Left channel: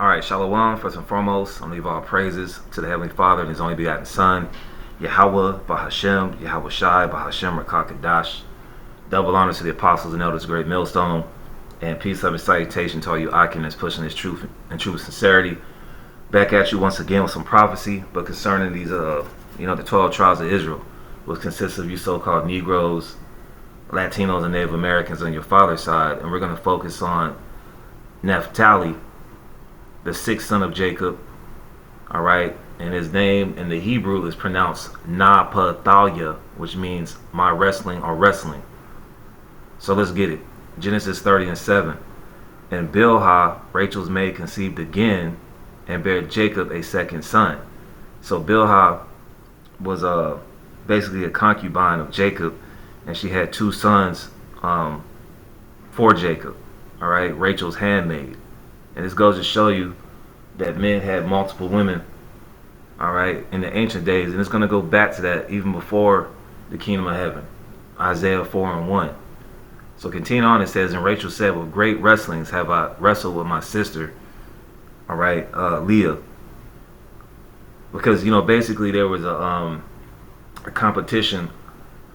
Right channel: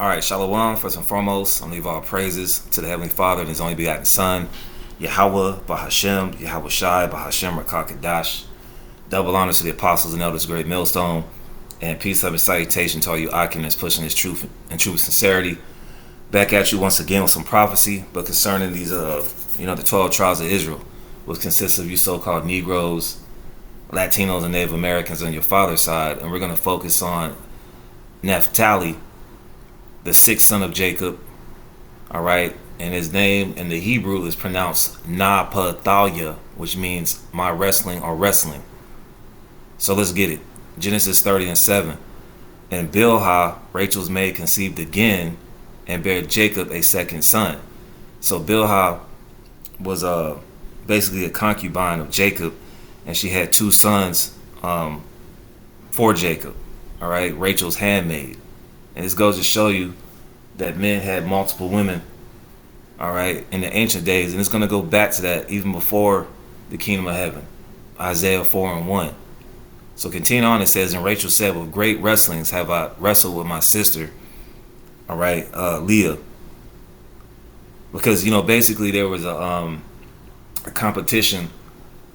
All right, Shalom, first and foremost, I leave all praises to the Heavenly Father and His only begotten Son, Yahweh, Bahashem, Yahweh Shai, Bahashem, Rakakadash. Double honors to the apostles and elders, great millstone, and peace, love, and salutation to all you Akim that's pushing this truth and true sincerity. Back at you once again with some prophecy, but concerning these, the 12 tribes of Israel, which consists of you so-called Negroes, Latinos, and Native Americans on your father's side, and we're going to focus on Naphtali, the sixth son of Jacob, all right? And his name in the Hebrew is pronounced Naphtali, which means my wrestling or wrestling. So let's get it. Genesis 30:7. And Bilhah, Rachel's maid, conceived again and bare Jacob a second son. So Bilhah was basically a concubine of Jacob, and she had two sons for Jacob, all right? Rachel's handmaid. And this goes to show you that men had multiple women, all right, in the ancient days. And it's going to go back to that even before the kingdom of heaven. Isaiah 4:1. So continue on, it says, and Rachel said, with great wrestlings have I wrestled with my sister, all right, Leah. Because, basically there was a competition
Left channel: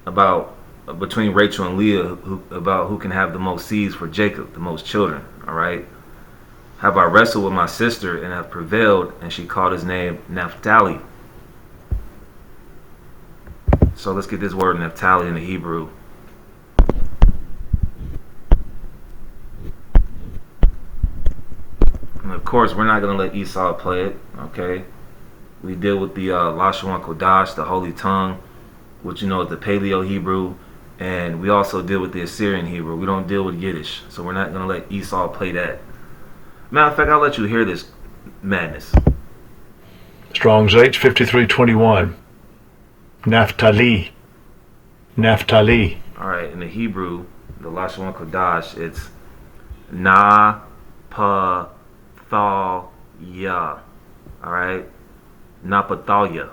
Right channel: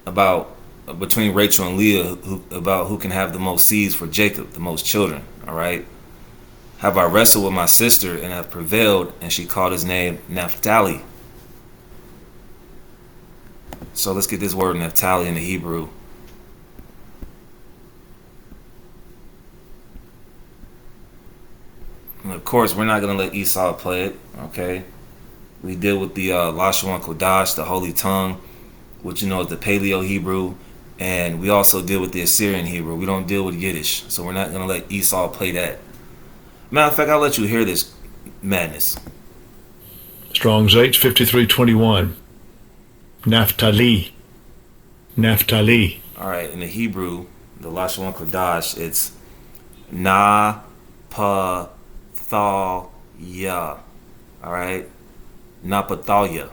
between Rachel and Leah about who can have the most seeds for Jacob, the most children, all right. Have I wrestled with my sister and have prevailed, and she called his name Naphtali. So let's get this word Naphtali in the Hebrew. And of course, we're not going to let Esau play it, okay? We deal with the Lashon Kodash, the Holy Tongue, which is the Paleo Hebrew, and we also deal with the Assyrian Hebrew. We don't deal with Yiddish, so we're not going to let Esau play that. Matter of fact, I'll let you hear this madness. Strong's H 5321. Naphtali. Naphtali. All right, in the Hebrew, the Lashon Kodash, it's Na-pa-thal-ya. All right, Na-pa-thal-ya,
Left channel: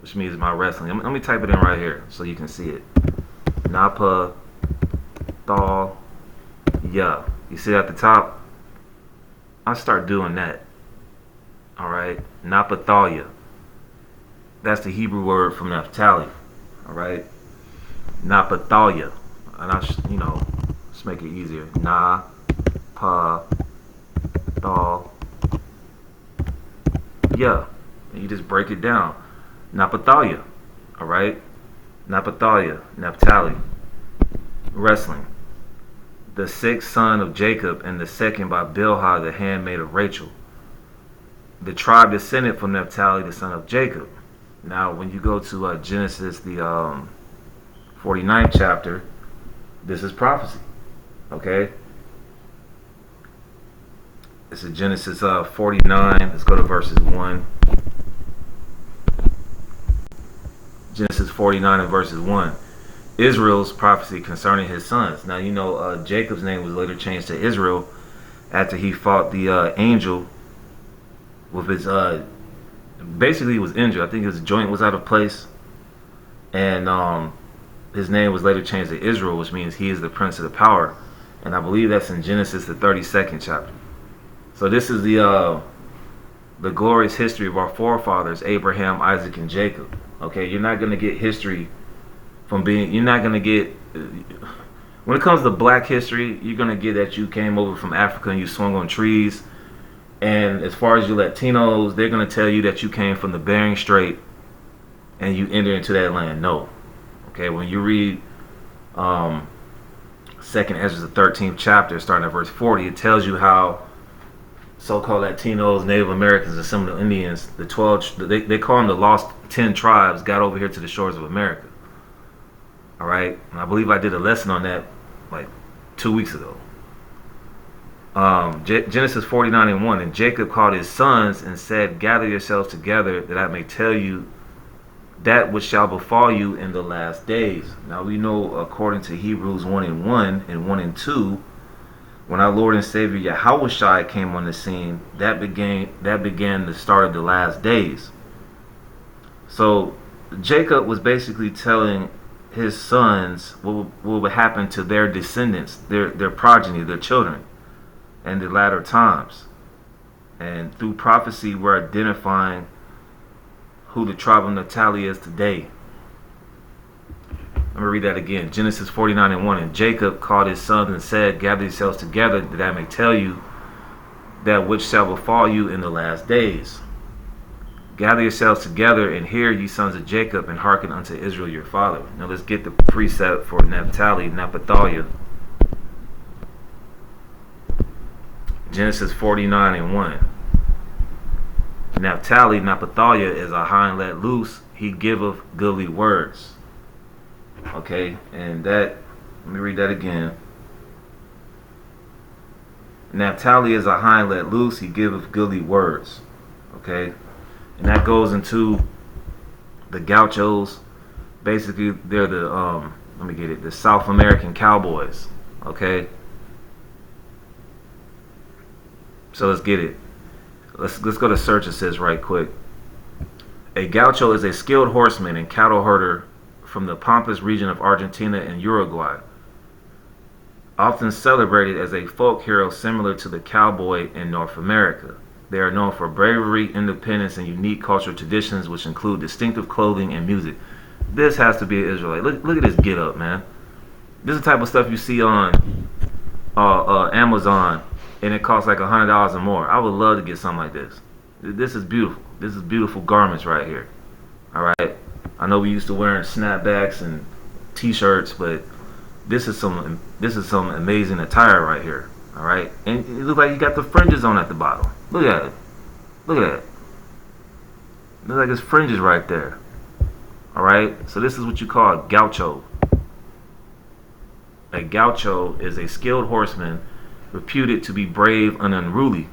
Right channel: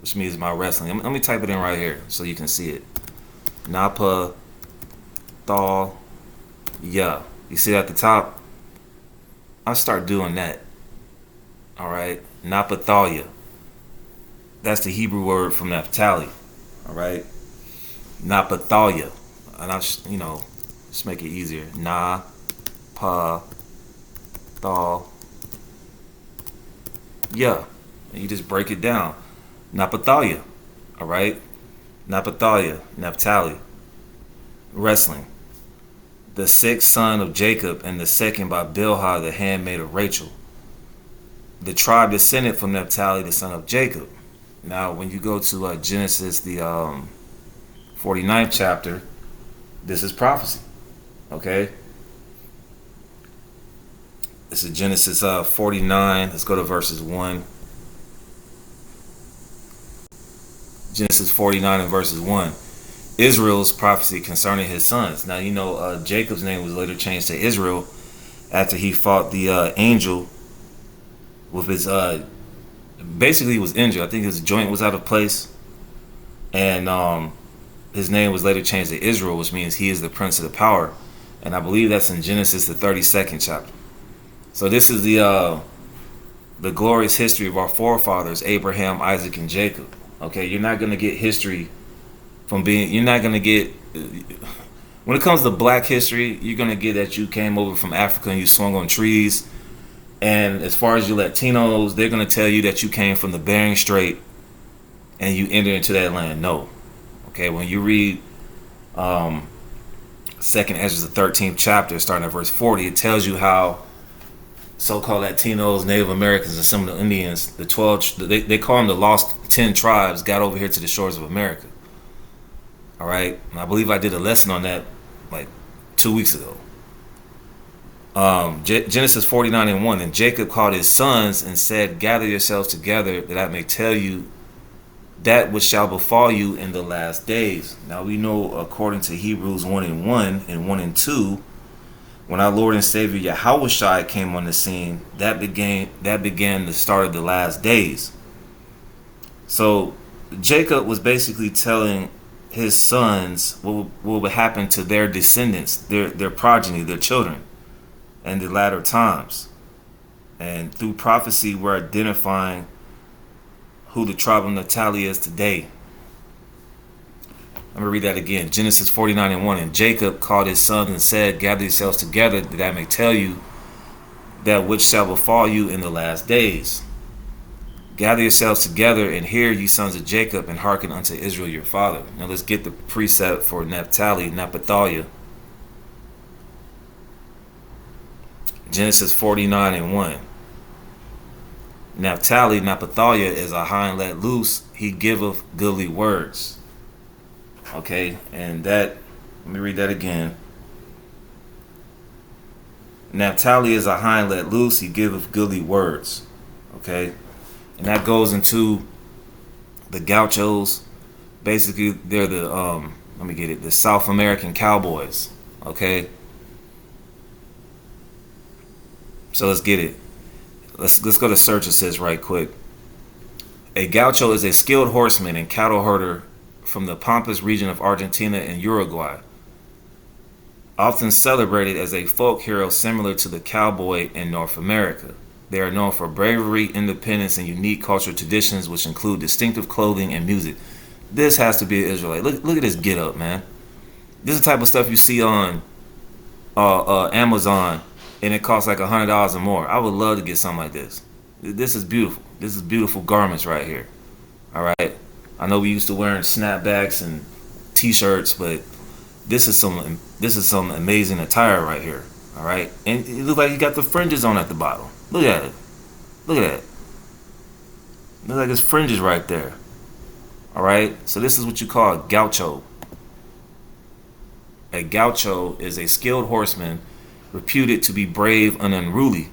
which means my wrestling. Let me type it in right here so you can see it. Na-pa-thal-ya. You see at the top? I'll start doing that. All right, Naphtali. That's the Hebrew word from Naphtali. All right, Naphtali, and let's make it easier. Naphtali. And you just break it down. Naphtali. All right, Naphtali, Naphtali. Wrestling. The sixth son of Jacob, and the second by Bilhah, the handmaid of Rachel. The tribe descended from Naphtali, the son of Jacob. Now, when you go to Genesis, the 49th chapter, this is prophecy. Okay? This is Genesis 49. Let's go to verses 1. Genesis 49 and verses 1. Israel's prophecy concerning his sons. Now, Jacob's name was later changed to Israel after he fought the angel with his, basically he was injured. I think his joint was out of place. And his name was later changed to Israel, which means he is the prince of the power. And I believe that's in Genesis, the 32nd chapter. So this is the glorious history of our forefathers, Abraham, Isaac, and Jacob. Okay, you're not going to get history you're not going to get, when it comes to black history, you're going to get that you came over from Africa and you swung on trees. And as far as your Latinos, they're going to tell you that you came from the Bering Strait and you entered into that land. No. Okay, when you read 2nd Ezra, the 13th chapter, starting at verse 40, it tells you how so-called Latinos, Native Americans, and some of the Indians, the 12, they call them the lost 10 tribes, got over here to the shores of America. All right, and I believe I did a lesson on that like 2 weeks ago. Genesis 49:1. And Jacob called his sons and said, gather yourselves together that I may tell you that which shall befall you in the last days. Now we know, according to Hebrews 1:1 and 1:2, when our Lord and Savior Yahweh Shai came on the scene, that began the start of the last days. So Jacob was basically telling his sons what would happen to their descendants, their progeny, their children, in the latter times. And through prophecy, we're identifying who the tribe of Naphtali is today. Let me read that again. Genesis 49:1. And Jacob called his sons and said, gather yourselves together, that I may tell you that which shall befall you in the last days. Gather yourselves together and hear, ye sons of Jacob, and hearken unto Israel your father. Now let's get the precept for Naphtali, Naphtali. Genesis 49:1. Naphtali, Naphtali is a hind let loose, he giveth goodly words. Okay, and that, let me read that again. Naphtali is a hind let loose, he giveth goodly words. Okay, and that goes into the gauchos. Basically, they're the the South American cowboys. Okay, so let's get it. Let's go to search. It says right quick. A gaucho is a skilled horseman and cattle herder from the Pampas region of Argentina and Uruguay. Often celebrated as a folk hero similar to the cowboy in North America. They are known for bravery, independence, and unique cultural traditions which include distinctive clothing and music. This has to be an Israelite. Look at this get up, man. This is the type of stuff you see on Amazon, and it costs like $100 or more. I would love to get something like this. This is beautiful. This is beautiful garments right here. All right. I know we used to wearing snapbacks and t-shirts, but this is some amazing attire right here. All right, and it looks like you got the fringes on at the bottom. Look at it. Look at that. Looks like it's fringes right there. All right, so this is what you call a gaucho. A gaucho is a skilled horseman reputed to be brave and unruly.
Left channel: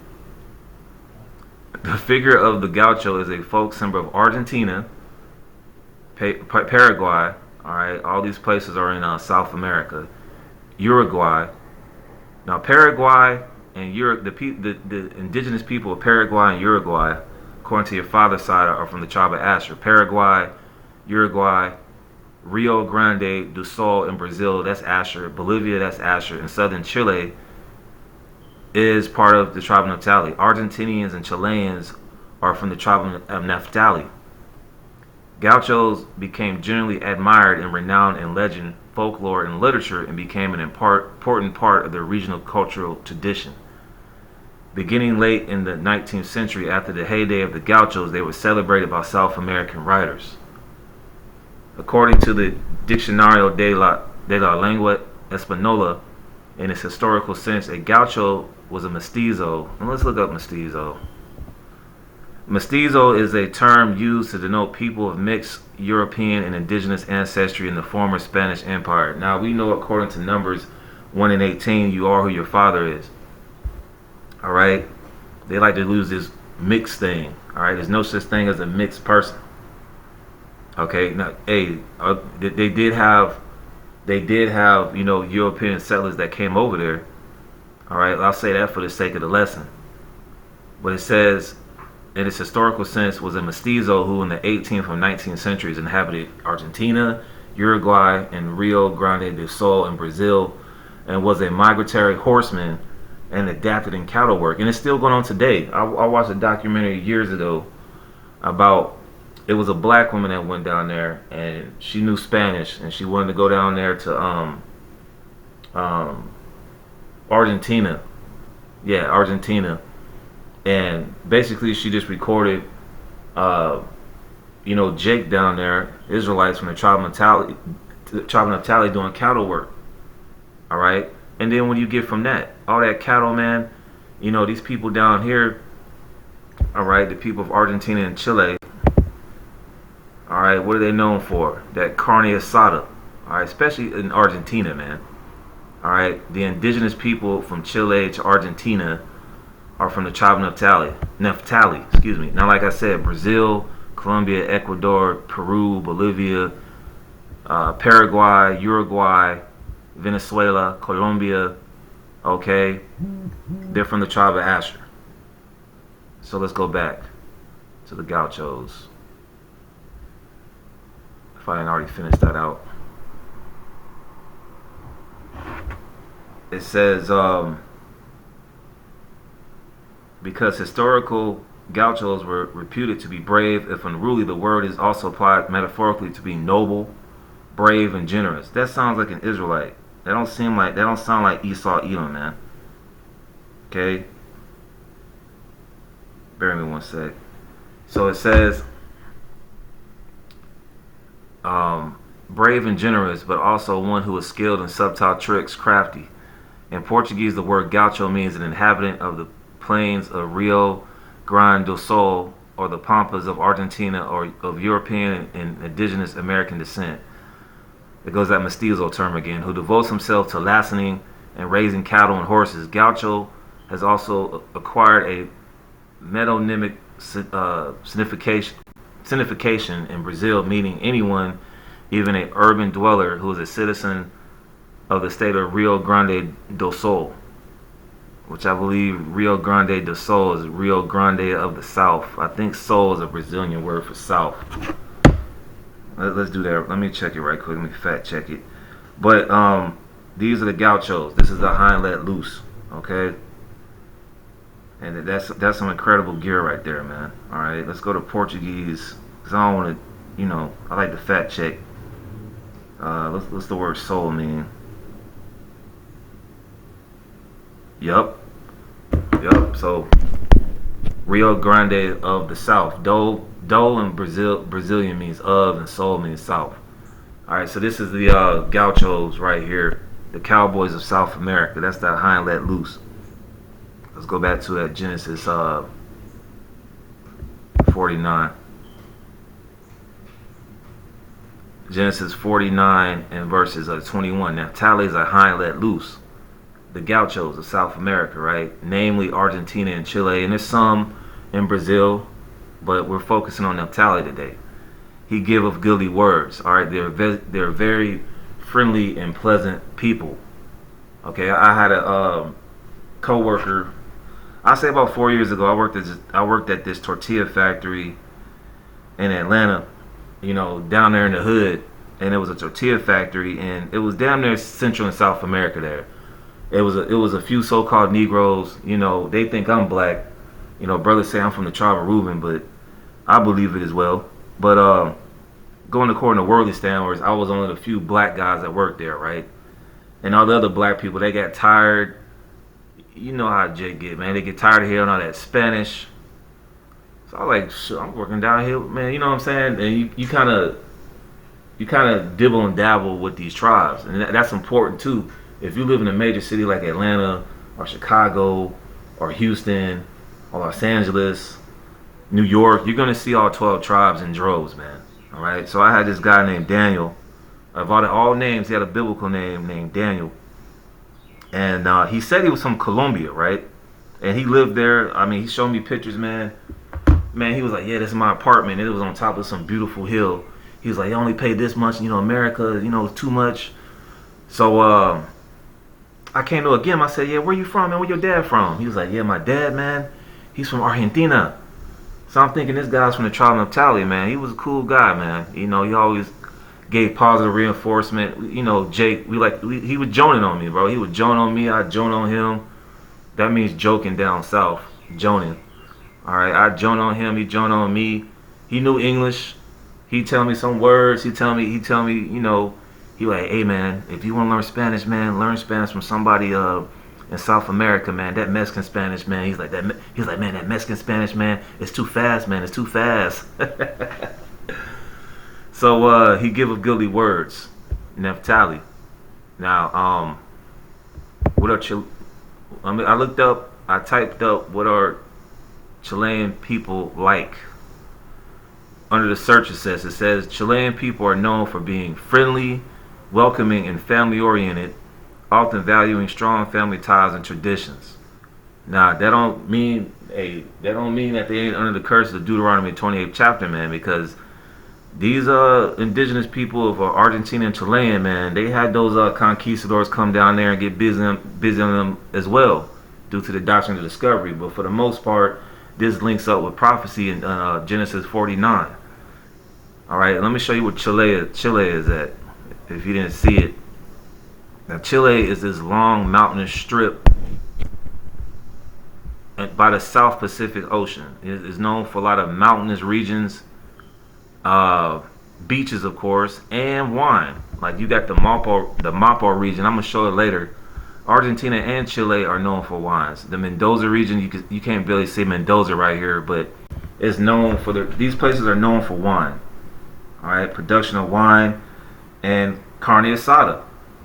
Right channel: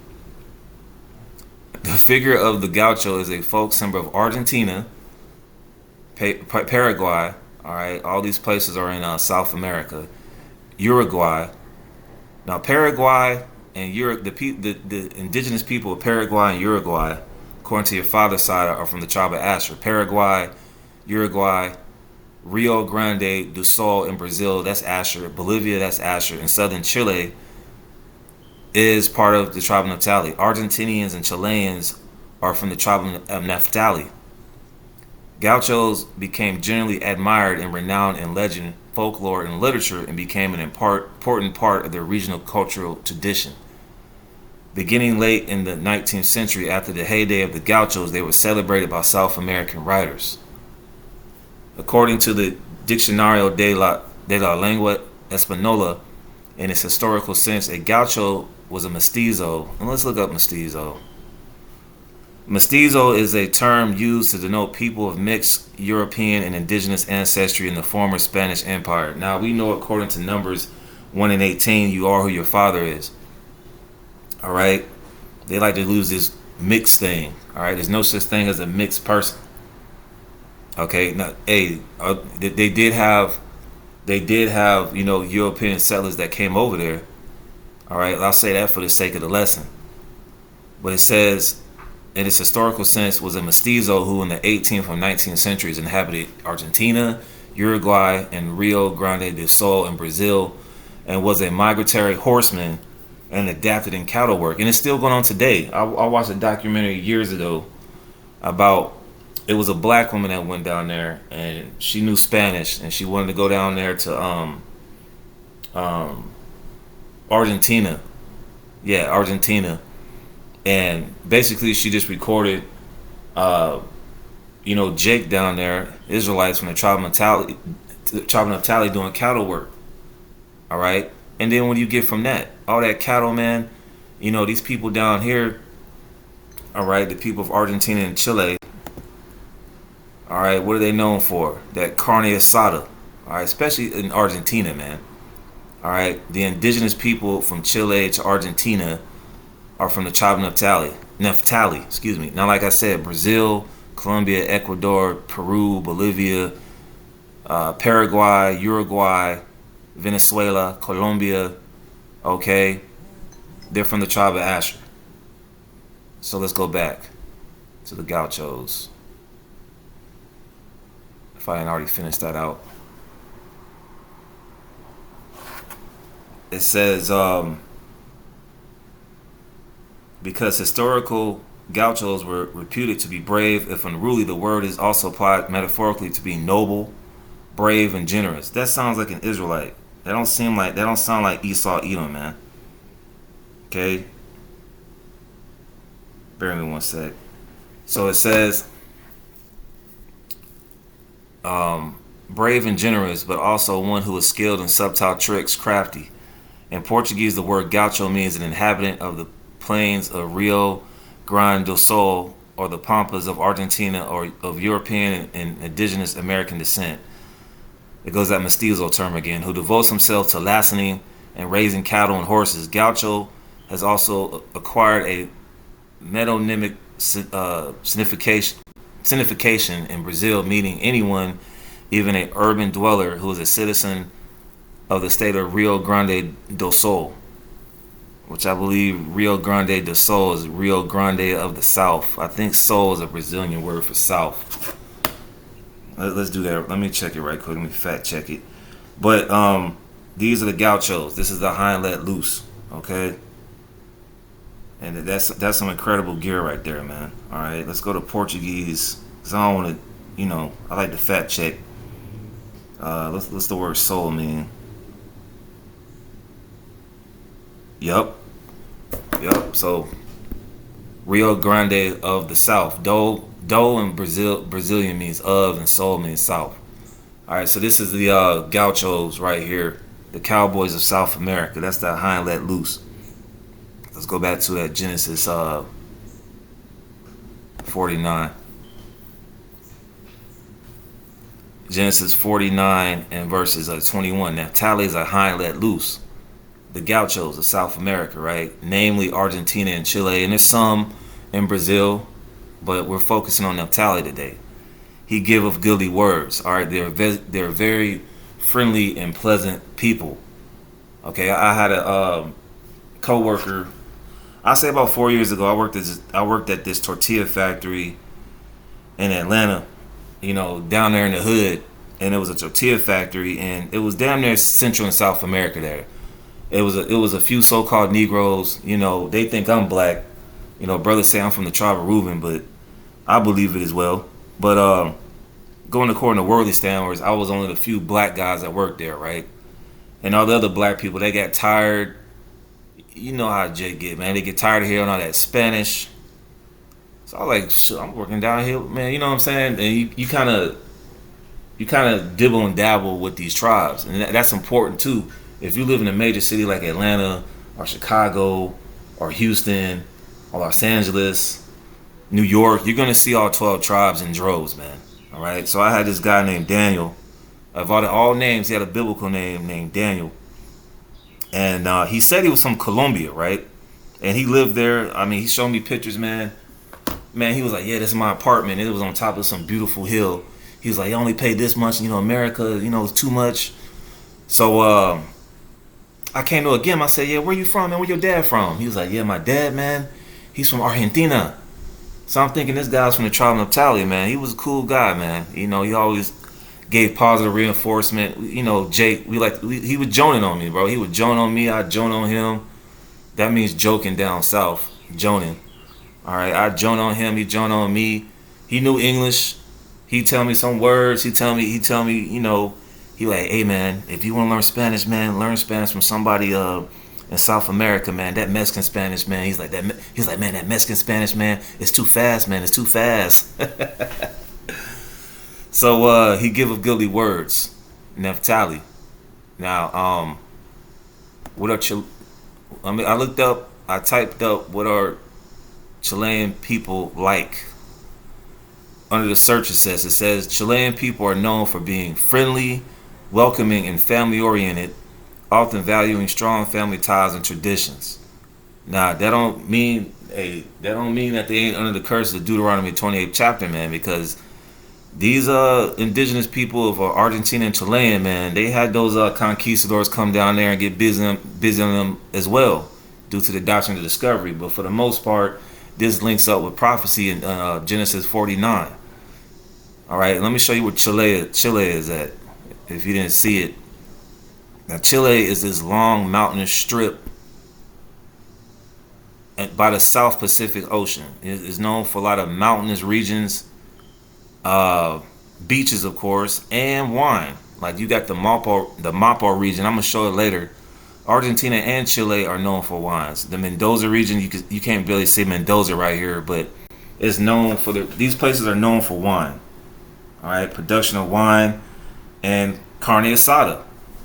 The figure of the gaucho is a folk symbol of Argentina, Paraguay. All right, all these places are in South America. Uruguay. Now, Paraguay and the indigenous people of Paraguay and Uruguay, according to your father's side, are from the tribe of Asher. Paraguay, Uruguay, Rio Grande do Sul in Brazil, that's Asher. Bolivia, that's Asher. And southern Chile is part of the tribe of Naphtali. Argentinians and Chileans are from the tribe of Naphtali. Gauchos became generally admired and renowned in legend, folklore, and literature, and became an important part of their regional cultural tradition. Beginning late in the 19th century, after the heyday of the Gauchos, they were celebrated by South American writers. According to the Diccionario de la Lengua Española, in its historical sense, a gaucho was a mestizo. And let's look up mestizo. Mestizo is a term used to denote people of mixed European and indigenous ancestry in the former Spanish Empire. Now, we know according to Numbers 1 and 18, you are who your father is. All right? They like to lose this mixed thing. All right? There's no such thing as a mixed person. Okay? Now, hey, they did have, European settlers that came over there. All right? I'll say that for the sake of the lesson. But it says, in its historical sense, was a mestizo who in the 18th or 19th centuries inhabited Argentina, Uruguay, and Rio Grande do Sul in Brazil, and was a migratory horseman and adapted in cattle work. And it's still going on today. I watched a documentary years ago about, it was a black woman that went down there, and she knew Spanish, and she wanted to go down there to Argentina. Yeah, Argentina. And basically, she just recorded, Jake down there, Israelites from the tribe of Naphtali doing cattle work. All right, and then when you get from that, all that cattle, man, these people down here, all right, the people of Argentina and Chile, all right, what are they known for? That carne asada, all right, especially in Argentina, man. All right, the indigenous people from Chile to Argentina are from the tribe of Naphtali, excuse me. Now, like I said, Brazil, Colombia, Ecuador, Peru, Bolivia, Paraguay, Uruguay, Venezuela, Colombia, okay? They're from the tribe of Asher. So let's go back to the Gauchos. If I didn't already finish that out. It says, Because historical gauchos were reputed to be brave. If unruly, the word is also applied metaphorically to be noble, brave, and generous. That sounds like an Israelite. That don't sound like Esau Edom, man. Okay? Bear with me one sec. So it says brave and generous, but also one who is skilled in subtle tricks, crafty. In Portuguese, the word gaucho means an inhabitant of the plains of Rio Grande do Sul or the pampas of Argentina or of European and indigenous American descent. It goes that mestizo term again, who devotes himself to lassing and raising cattle and horses. Gaucho has also acquired a metonymic signification in Brazil, meaning anyone, even an urban dweller who is a citizen of the state of Rio Grande do Sul, which I believe Rio Grande do Sul is Rio Grande of the South. I think Sul is a Brazilian word for South. Let's do that. Let me check it right quick. Let me fact check it. But these are the gauchos. This is the hind let loose. Okay. And that's some incredible gear right there, man. All right, let's go to Portuguese. Cause I don't want to, I like to fact check. What's the word soul mean? Yup. So Rio Grande of the South. Do in Brazilian means of, and soul means south. All right, so this is the gauchos right here, the cowboys of South America. That's that hind let loose. Let's go back to that Genesis 49. Genesis 49 and verses 21. Naphtali is a hind let loose. The gauchos of South America, right? Namely Argentina and Chile. And there's some in Brazil, but we're focusing on Naphtali today. He giveth goodly words. All right, they're very friendly and pleasant people. Okay, I had a co-worker. I say about 4 years ago, I worked at this tortilla factory in Atlanta, down there in the hood, and it was a tortilla factory, and it was damn near Central and South America there. It was a few so-called Negroes, they think I'm black, brothers say I'm from the tribe of Reuben, but I believe it as well. But going according to worldly standards, I was one of the few black guys that worked there, right? And all the other black people, they got tired. You know how Jake get, man. They get tired of hearing all that Spanish. So I was like, shit, I'm working down here, man. You know what I'm saying? And you kind of dibble and dabble with these tribes, and that's important too. If you live in a major city like Atlanta or Chicago or Houston or Los Angeles, New York, you're gonna see all 12 tribes in droves, man. All right. So I had this guy named Daniel. Of all names, he had a biblical name named Daniel. And he said he was from Colombia, right? And he lived there. I mean, he showed me pictures, man. Man, he was like, yeah, this is my apartment. And it was on top of some beautiful hill. He was like, you only pay this much, America, it's too much. So I came to him. I said, yeah, where you from, man? Where your dad from? He was like, yeah, my dad, man, he's from Argentina. So I'm thinking this guy's from the tribe of Naphtali, man. He was a cool guy, man. He always gave positive reinforcement. Jake, he was joning on me, bro. He would joan on me, I'd joan on him. That means joking down south, joning. All right, I joan on him, he joan on me. He knew English. He tell me some words. He tell me, he like, hey man, if you want to learn Spanish, man, learn Spanish from somebody in South America, man. That Mexican Spanish, man. He's like, man, that Mexican Spanish, man, it's too fast, man. It's too fast. So he giveth goodly words, Naphtali. Now, what are I typed up what are Chilean people like. Under the search it says Chilean people are known for being friendly, welcoming, and family-oriented, often valuing strong family ties and traditions. Now, that don't mean that they ain't under the curse of the Deuteronomy 28th chapter, man, because these indigenous people of Argentina and Chilean, man, they had those conquistadors come down there and get busy on them as well, due to the doctrine of discovery. But for the most part, this links up with prophecy in Genesis 49. All right, let me show you where Chile is at, if you didn't see it. Now, Chile is this long mountainous strip by the South Pacific Ocean. It's known for a lot of mountainous regions, beaches, of course, and wine. Like you got the Mapa region. I'm gonna show it later. Argentina and Chile are known for wines. The Mendoza region, you can't barely see Mendoza right here, but it's known for these places are known for wine. All right, production of wine and carne asada.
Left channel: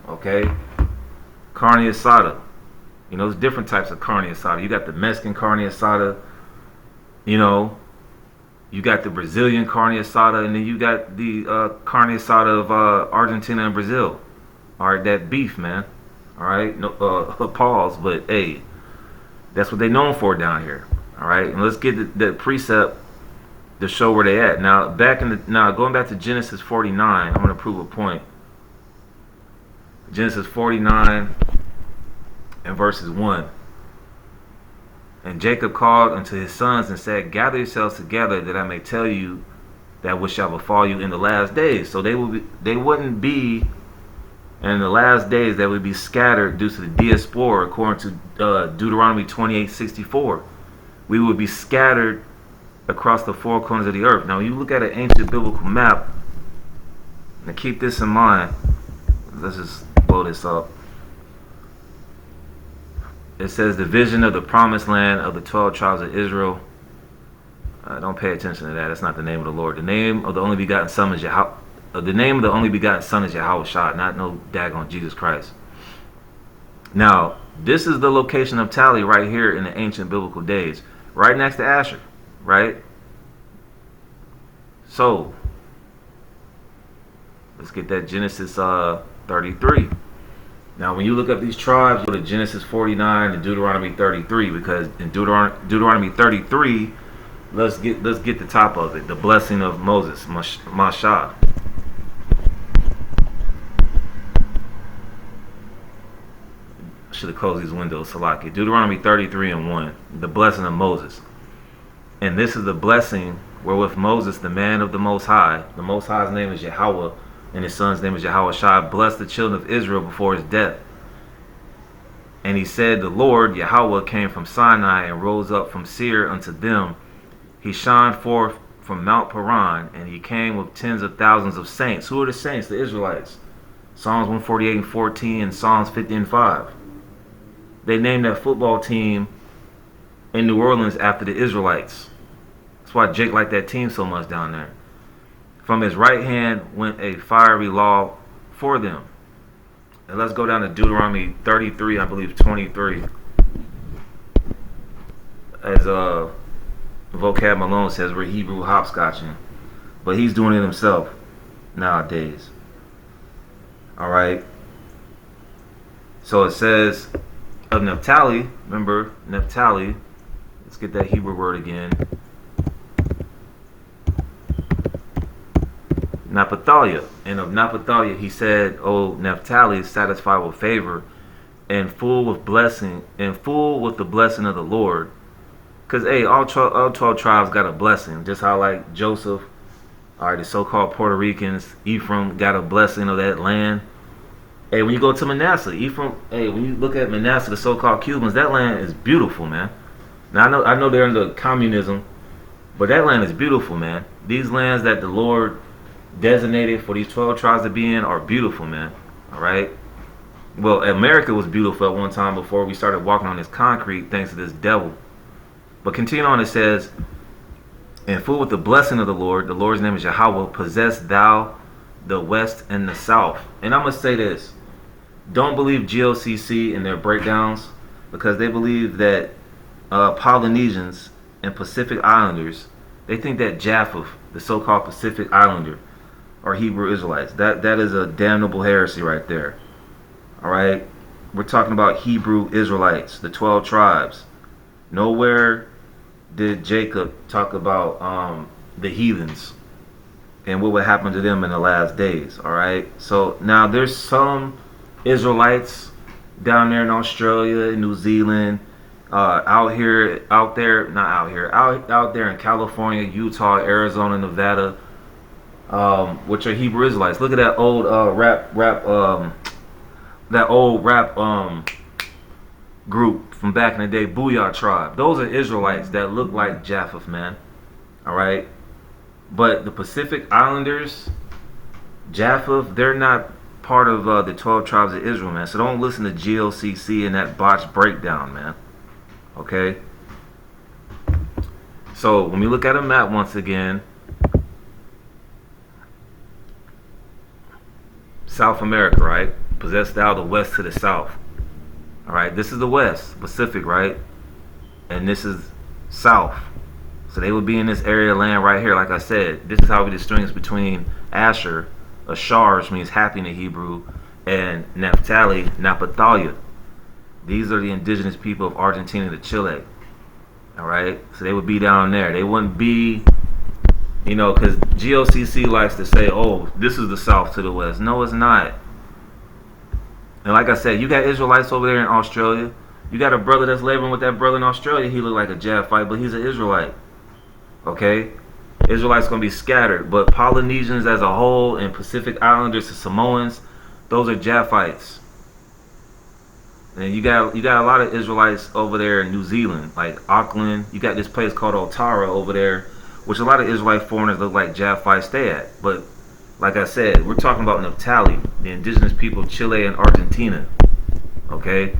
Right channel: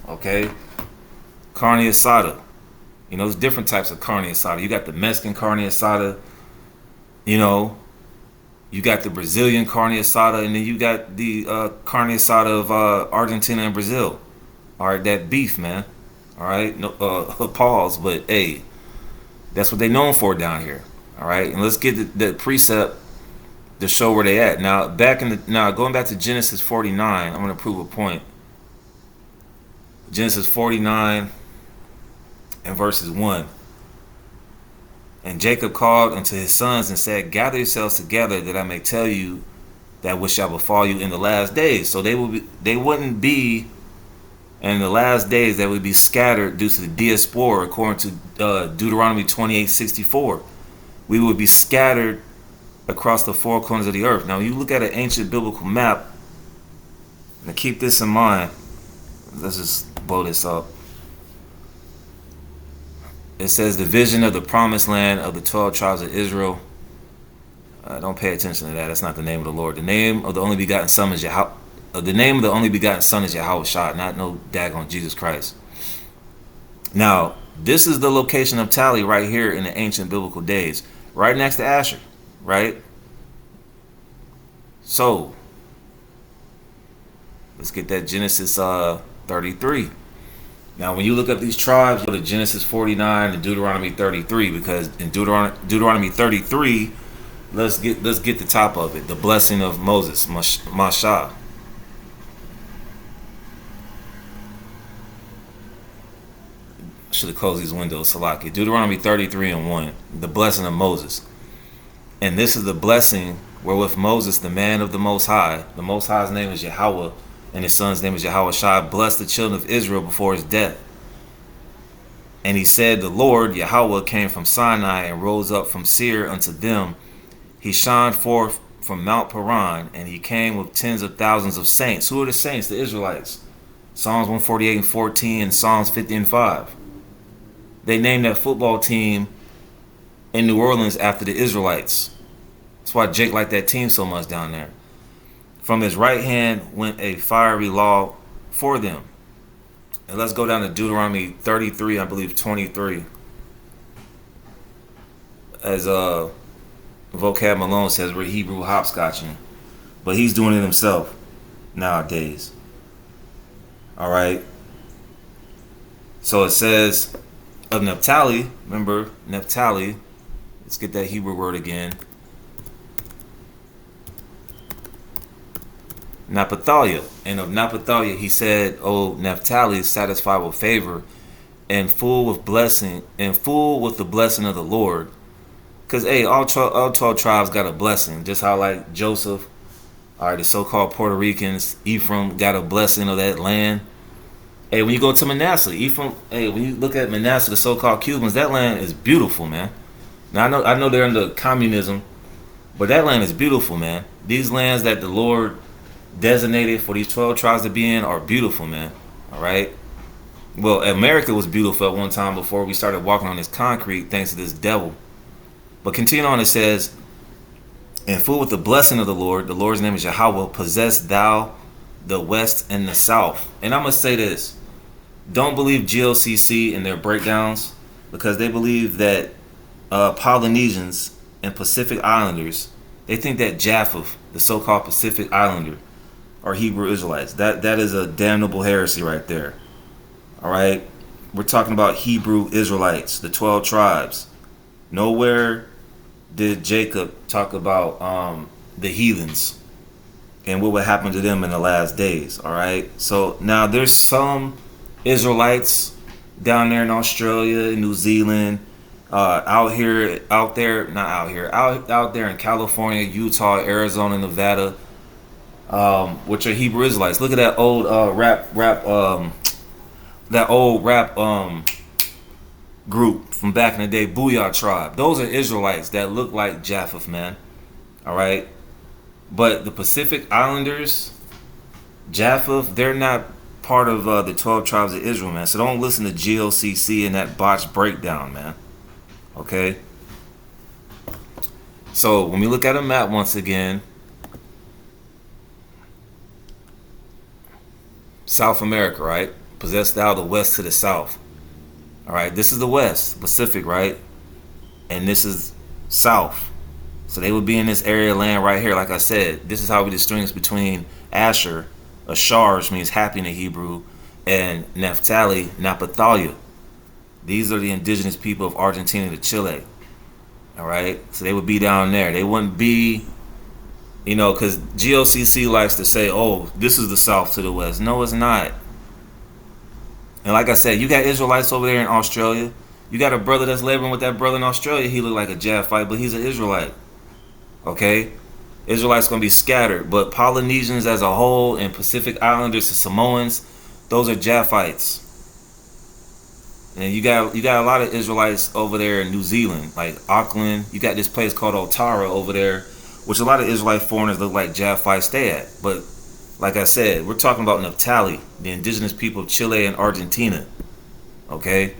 Okay, carne asada. You know, there's different types of carne asada. You got the Mexican carne asada. You know, you got the Brazilian carne asada, and then you got the carne asada of Argentina and Brazil. All right, that beef, man. All right, no pause, but hey, that's what they known for down here. All right, and let's get the precept to show where they at. Now, going back to Genesis 49, I'm going to prove a point. Genesis 49 and verses 1. And Jacob called unto his sons and said, gather yourselves together that I may tell you that which shall befall you in the last days. So they wouldn't be in the last days, they would be scattered due to the diaspora, according to Deuteronomy 28:64. We would be scattered across the four corners of the earth. Now, when you look at an ancient biblical map, and keep this in mind, let's just blow this up. It says the vision of the promised land of the 12 tribes of Israel. Don't pay attention to that. That's not the name of the Lord. The name of the only begotten Son is Yahweh. The name of the only begotten Son is Yahweh Shah, not no daggone Jesus Christ. Now, this is the location of Naphtali right here in the ancient biblical days, right next to Asher, right? So, let's get that Genesis 33. Now, when you look up these tribes, you go to Genesis 49 and Deuteronomy 33, because in Deuteronomy 33, let's get the top of it, the blessing of Moses, Mashah. Should have closed these windows, Salaki. Deuteronomy 33 and 1, the blessing of Moses. And this is the blessing wherewith Moses, the man of the Most High's name is Yahweh, and his son's name is Yahweh Shai, blessed the children of Israel before his death. And he said, the Lord, Yahweh, came from Sinai and rose up from Seir unto them. He shined forth from Mount Paran, and he came with tens of thousands of saints. Who are the saints? The Israelites. Psalms 148 and 14 and Psalms 50 and 5. They named that football team in New Orleans after the Israelites. That's why Jake liked that team so much down there. From his right hand went a fiery law for them. And let's go down to Deuteronomy 33, I believe 23. As Vocab Malone says, we're Hebrew hopscotching. But he's doing it himself nowadays. All right. So it says of Naphtali, remember Naphtali, let's get that Hebrew word again. Naphtali. And of Naphtali he said, O Naphtali, satisfied with favor and full with blessing and full with the blessing of the Lord. Because hey, all 12 tribes got a blessing, just how like Joseph, all right, the so-called Puerto Ricans, Ephraim got a blessing of that land. Hey, when you go to Manasseh, Ephraim, hey, when you look at Manasseh, the so-called Cubans, that land is beautiful, man. Now I know they're into communism, but that land is beautiful, man. These lands that the Lord designated for these 12 tribes to be in are beautiful, man. All right. Well, America was beautiful at one time before we started walking on this concrete, thanks to this devil. But continue on, it says, and full with the blessing of the Lord's name is Yahweh, possess thou the west and the south. And I must say this, don't believe GOCC in their breakdowns, because they believe that Polynesians and Pacific Islanders, they think that Japheth, the so-called Pacific Islander, are Hebrew Israelites. That is a damnable heresy right there. All right, we're talking about Hebrew Israelites, the 12 tribes. Nowhere did Jacob talk about the heathens and what would happen to them in the last days. All right, so now there's some Israelites down there in Australia, New Zealand, out there in California, Utah, Arizona, Nevada, which are Hebrew Israelites. Look at that old rap group from back in the day, Booyah tribe. Those are Israelites that look like Japheth, man. All right, but the Pacific Islanders, Japheth, they're not part of the 12 tribes of Israel, man. So don't listen to GOCC and that botched breakdown, man. Okay. So when we look at a map once again, South America, right? Possessed thou the west to the south. All right, this is the west, Pacific, right? And this is south. So they would be in this area of land right here. Like I said, this is how we distinguish between Asher, Ashar, which means happy in the Hebrew, and Naphtali, Naphtali. These are the indigenous people of Argentina to Chile. All right, so they would be down there. They wouldn't be, because GOCC likes to say, "Oh, this is the south to the west." No, it's not. And like I said, you got Israelites over there in Australia. You got a brother that's laboring with that brother in Australia. He look like a Japhite, but he's an Israelite. Okay, Israelites gonna be scattered, but Polynesians as a whole and Pacific Islanders and Samoans, those are Japhites. And you got a lot of Israelites over there in New Zealand, like Auckland. You got this place called Otara over there, which a lot of Israelite foreigners look like Japhites stay at. But like I said, we're talking about Naphtali, the indigenous people of Chile and Argentina. Okay,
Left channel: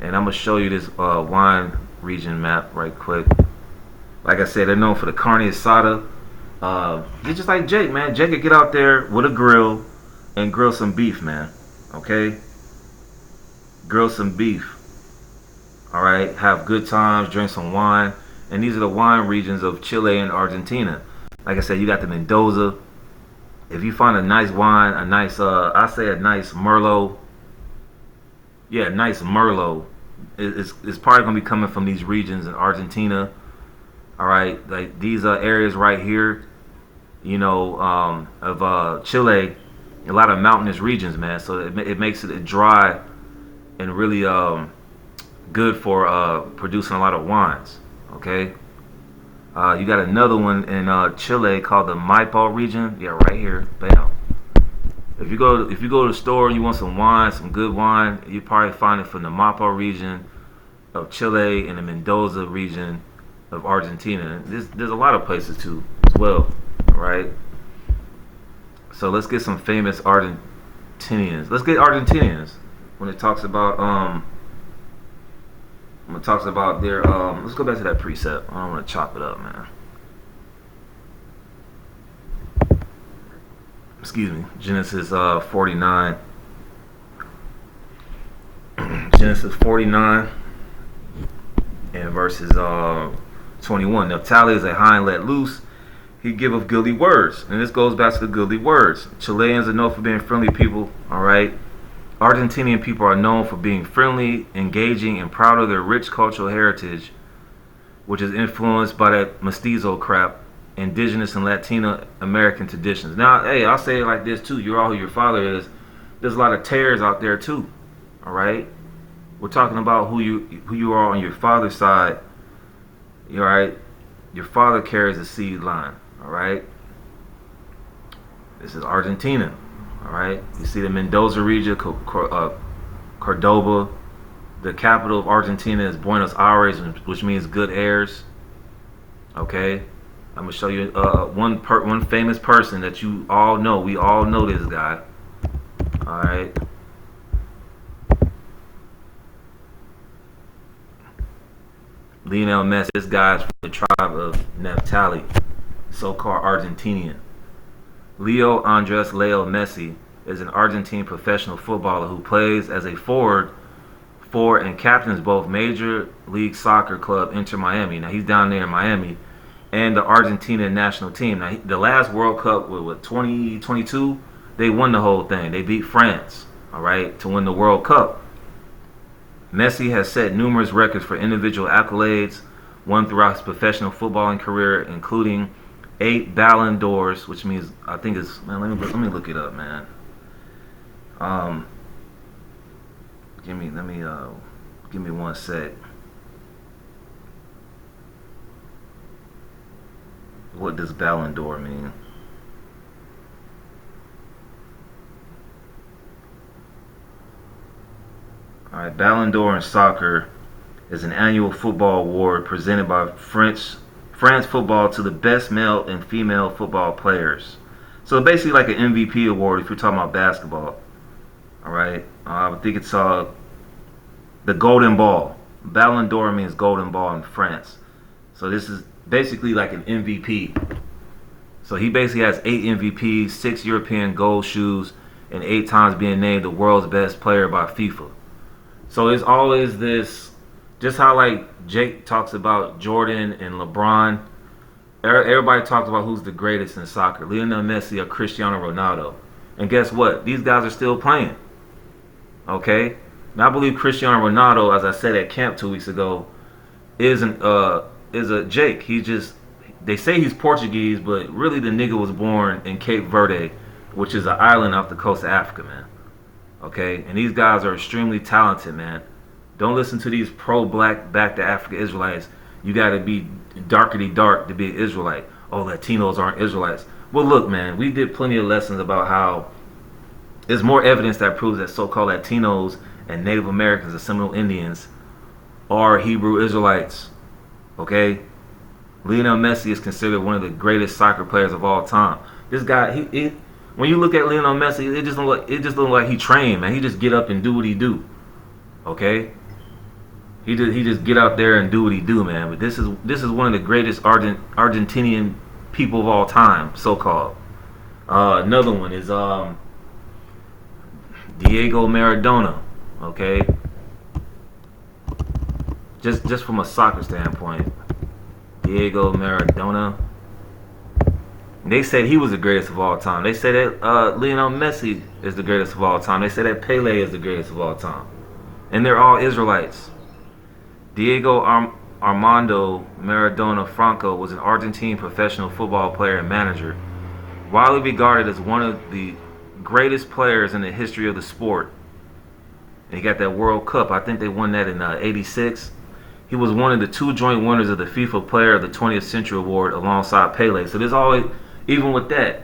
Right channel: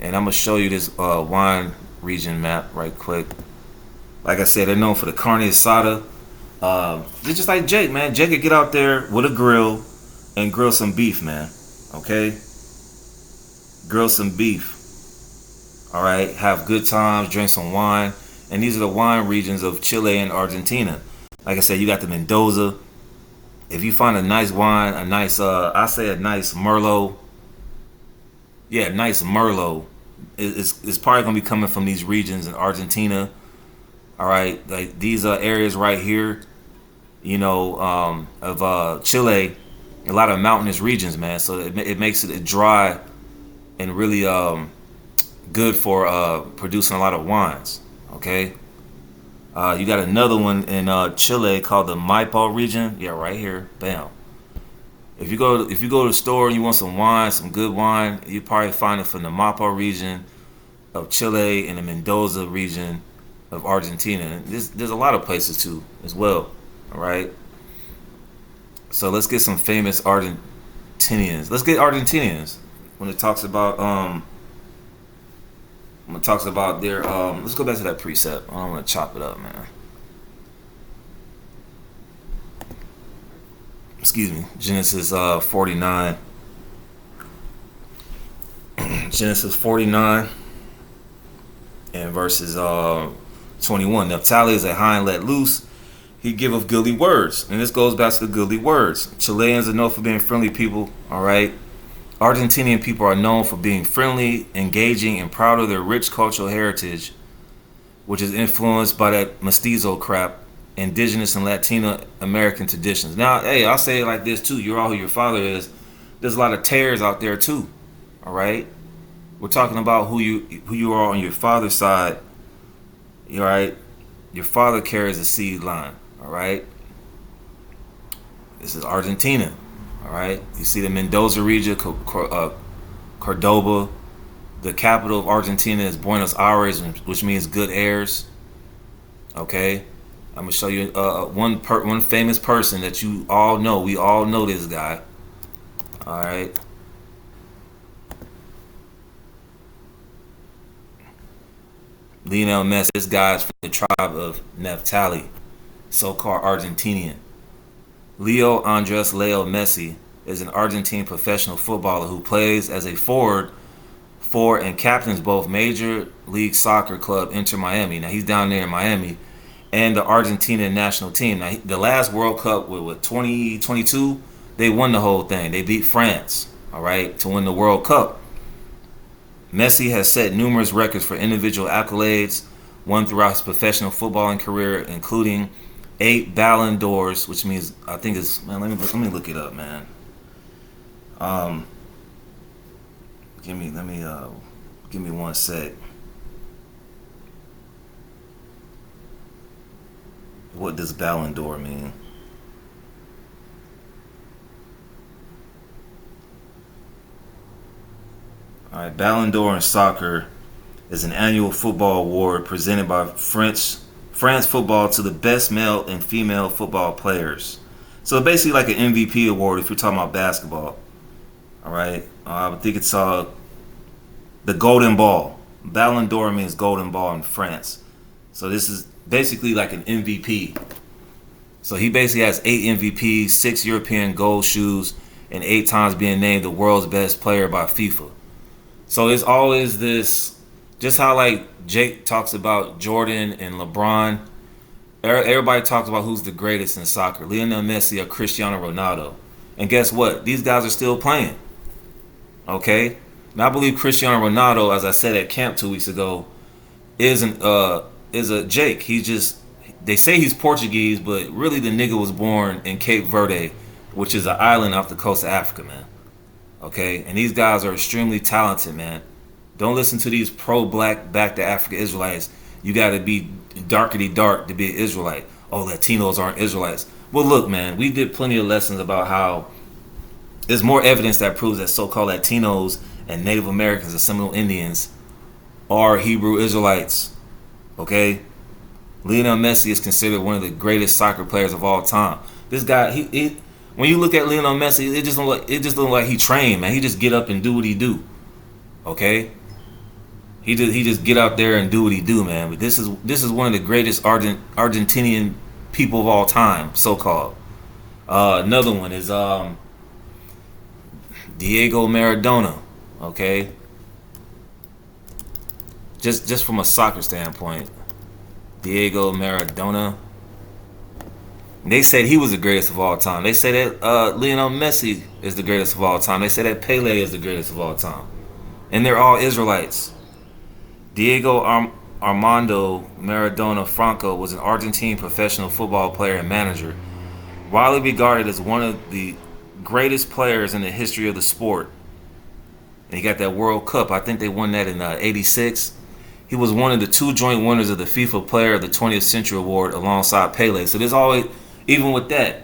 and I'm gonna show you this wine region map right quick. Like I said, they're known for the carne asada. They're just like Jake, man. Jake could get out there with a grill and grill some beef, man. Okay? Grill some beef. All right? Have good times, drink some wine. And these are the wine regions of Chile and Argentina. Like I said, you got the Mendoza. If you find a nice wine, a nice, I say a nice Merlot. Yeah, nice Merlot. It's probably going to be coming from these regions in Argentina. All right, like these areas right here, of Chile, a lot of mountainous regions, man. So it makes it dry and really good for producing a lot of wines. Okay, you got another one in Chile called the Maipo region. Yeah, right here, bam. If you go to the store and you want some wine, some good wine, you probably find it from the Maipo region of Chile and the Mendoza region of Argentina. There's a lot of places too as well. All right. So let's get some famous Argentinians. Let's get Argentinians when it talks about their let's go back to that precept. I don't want to chop it up, man. Excuse me. Genesis 49. Genesis 49 and verses 21. Naphtali is a hind let loose. He giveth goodly words. And this goes back to the goodly words. Chileans are known for being friendly people. All right. Argentinian people are known for being friendly, engaging, and proud of their rich cultural heritage, which is influenced by that mestizo crap, indigenous and Latino American traditions. Now, hey, I'll say it like this too. You're all who your father is. There's a lot of tares out there too. All right. We're talking about who you are on your father's side. All right. Your father carries a seed line. All right. This is Argentina. All right. You see the Mendoza region, Cordoba. The capital of Argentina is Buenos Aires, which means good airs. Okay. I'm gonna show you one famous person that you all know. We all know this guy. All right. Lionel Messi. This guy's from the tribe of Naphtali, so-called Argentinian. Leo Andres Leo Messi is an Argentine professional footballer who plays as a forward for and captains both Major League Soccer club Inter Miami. Now he's down there in Miami, and the Argentina national team. Now the last World Cup with 2022, they won the whole thing. They beat France, all right, to win the World Cup. Messi has set numerous records for individual accolades won throughout his professional footballing career, including 8 Ballon d'Ors, which means I think it's, man. Let me look it up, man. Give me 1 sec. What does Ballon d'Or mean? All right, Ballon d'Or in soccer is an annual football award presented by France football to the best male and female football players. So basically like an MVP award if you're talking about basketball. All right, I think it's the Golden Ball. Ballon d'Or means Golden Ball in France. So this is basically like an MVP. So he basically has 8 MVPs, 6 European gold shoes, and 8 times being named the world's best player by FIFA. So it's always this, just how like Jake talks about Jordan and LeBron. Everybody talks about who's the greatest in soccer, Lionel Messi or Cristiano Ronaldo. And guess what? These guys are still playing. Okay? Now I believe Cristiano Ronaldo, as I said at camp 2 weeks ago, is a Jake. They say he's Portuguese, but really the nigga was born in Cape Verde, which is an island off the coast of Africa, man. Okay? And these guys are extremely talented, man. Don't listen to these pro-black, back to Africa Israelites. You got to be darkety dark to be an Israelite. Oh, Latinos aren't Israelites. Well, look, man, we did plenty of lessons about how there's more evidence that proves that so-called Latinos and Native Americans and Seminole Indians are Hebrew Israelites. Okay? Lionel Messi is considered one of the greatest soccer players of all time. This guy, he when you look at Lionel Messi, it just don't look like he trained, man. He just get up and do what he do. Okay? He just get out there and do what he do, man. But this is one of the greatest Argentinian people of all time, so called. Another one is Diego Maradona. Okay, just from a soccer standpoint, Diego Maradona. They said he was the greatest of all time. They say that Lionel Messi is the greatest of all time. They say that Pele is the greatest of all time, and they're all Israelites. Diego Armando Maradona Franco was an Argentine professional football player and manager, widely regarded as one of the greatest players in the history of the sport. And he got that World Cup. I think they won that in '86. He was one of the 2 joint winners of the FIFA Player of the 20th Century Award alongside Pele. So there's always, even with that,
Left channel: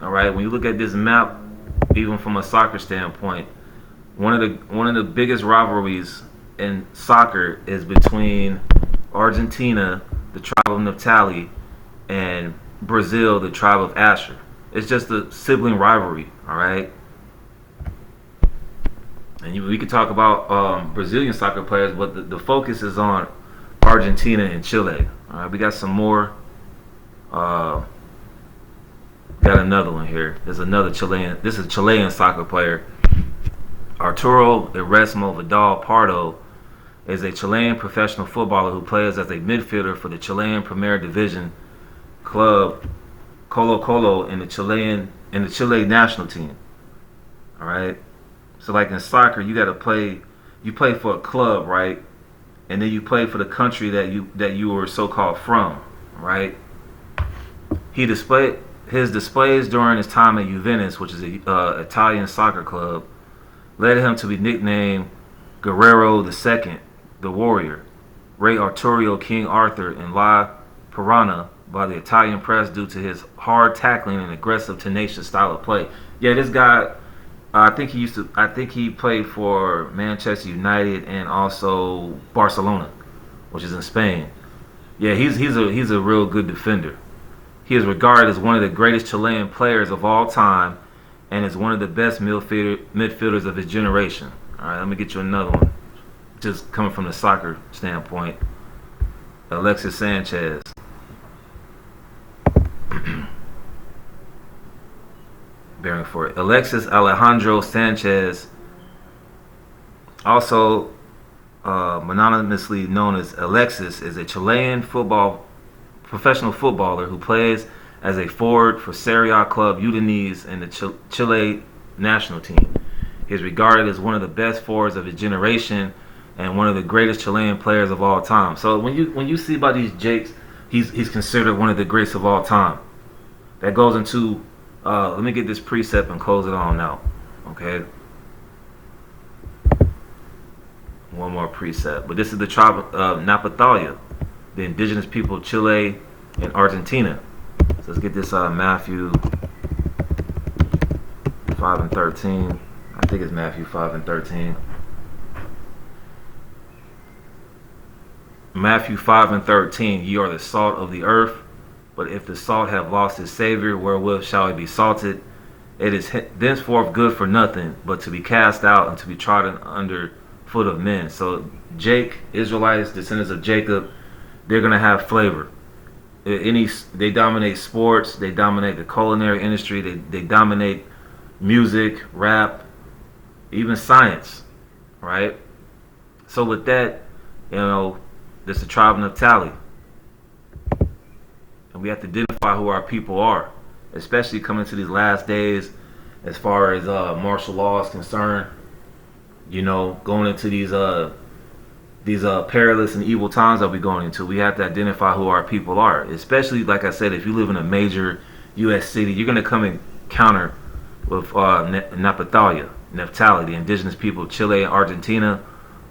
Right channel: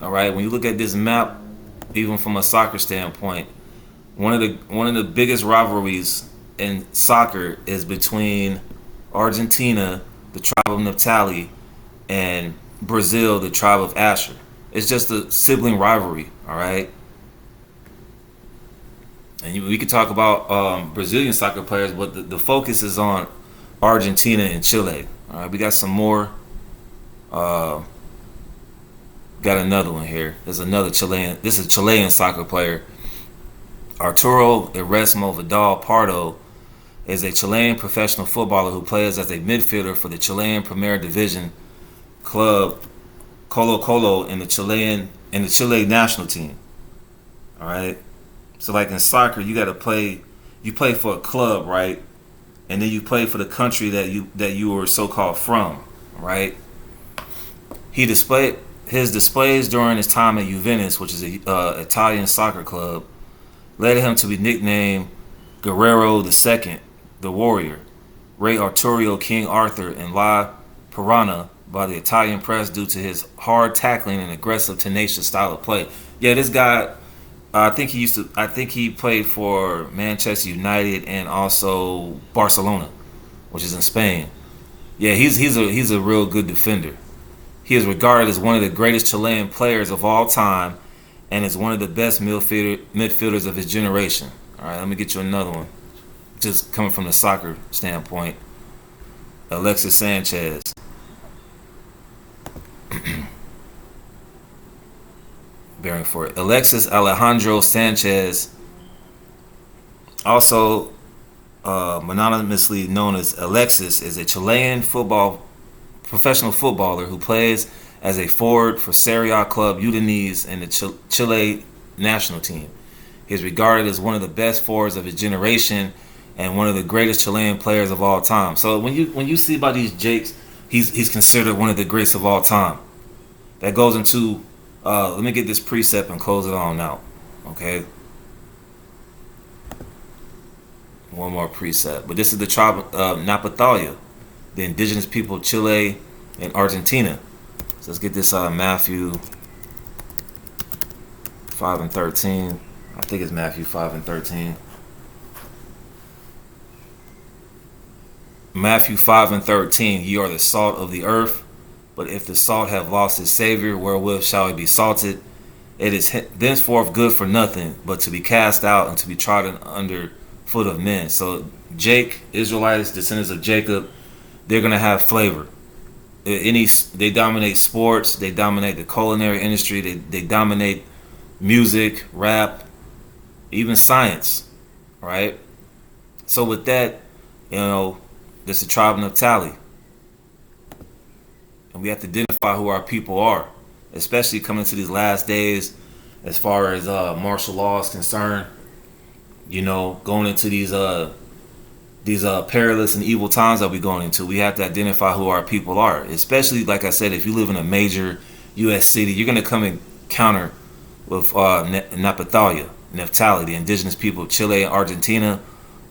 all right, when you look at this map, even from a soccer standpoint, one of the biggest rivalries in soccer is between Argentina, the tribe of Naphtali, and Brazil, the tribe of Asher. It's just a sibling rivalry, all right? And we could talk about Brazilian soccer players, but the focus is on Argentina and Chile. All right, we got some more. Got another one here. There's another Chilean. This is a Chilean soccer player. Arturo Erasmo Vidal Pardo is a Chilean professional footballer who plays as a midfielder for the Chilean Premier Division club Colo-Colo in the Chile national team. All right. So like in soccer, you play for a club, right? And then you play for the country that you were so-called from, right? His displays during his time at Juventus, which is an Italian soccer club, led him to be nicknamed Guerrero II, the Warrior, Rey Arturo King Arthur, and La Piranha by the Italian press due to his hard tackling and aggressive, tenacious style of play. Yeah, this guy, I think he played for Manchester United and also Barcelona, which is in Spain. Yeah, he's a real good defender. He is regarded as one of the greatest Chilean players of all time and is one of the best midfielders of his generation. All right, let me get you another one. Just coming from the soccer standpoint, Alexis Sanchez. Bearing for it. Alexis Alejandro Sanchez, also mononymously known as Alexis, is a Chilean professional footballer who plays as a forward for Serie A club Udinese and the Chile national team. He is regarded as one of the best forwards of his generation and one of the greatest Chilean players of all time. So when you see about these Jakes, he's considered one of the greats of all time. That goes into let me get this precept and close it on out. Okay. One more precept. But this is the tribe of Naphtali, the indigenous people of Chile and Argentina. So let's get this Matthew 5 and 13. I think it's Matthew 5 and 13. Matthew 5:13, ye are the salt of the earth, but if the salt have lost its savor, wherewith shall it be salted? It is thenceforth good for nothing, but to be cast out and to be trodden under foot of men. So Israelites, descendants of Jacob, they're gonna have flavor. They dominate sports, they dominate the culinary industry, they dominate music, rap, even science, right? So with that, this is the tribe of Naphtali, and we have to identify who our people are, especially coming to these last days, as far as martial law is concerned. Going into these perilous and evil times that we're going into, we have to identify who our people are. Especially, like I said, if you live in a major U.S. city, you're going to come encounter with Naphtali, the indigenous people of Chile and Argentina,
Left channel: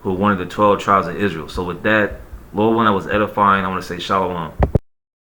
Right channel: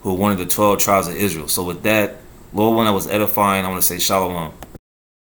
who are one of the 12 tribes of Israel. So with that, Lord, one that was edifying, I want to say shalom.